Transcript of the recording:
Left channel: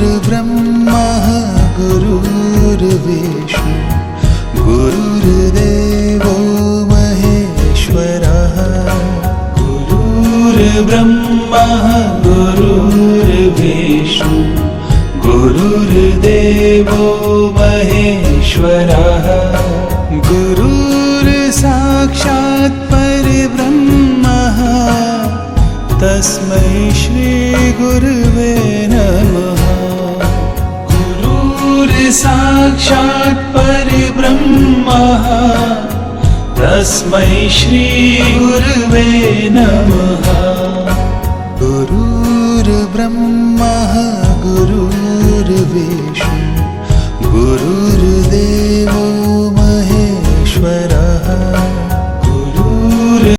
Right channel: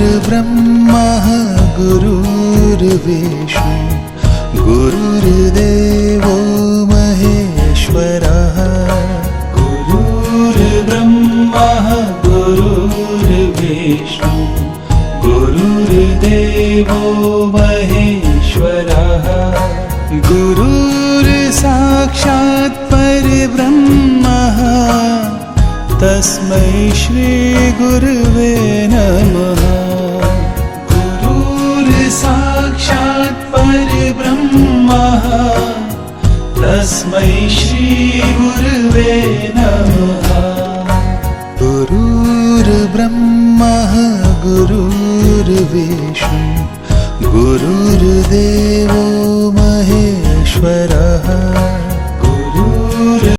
गुरुर्ब्रह्मा गुरुर्विष्णु गुरुर्देवो महेश्वरः। गुरुर्ब्रह्मा गुरुर्विष्णु गुरुर्देवो महेश्वरः। गुरुर्साक्षात् परब्रह्मः तस्मै श्री गुरुवे नमः। गुरुर्साक्षात् परब्रह्मः तस्मै श्री गुरुवे नमः। गुरुर्ब्रह्मा गुरुर्विष्णु गुरुर्देवो महेश्वरः।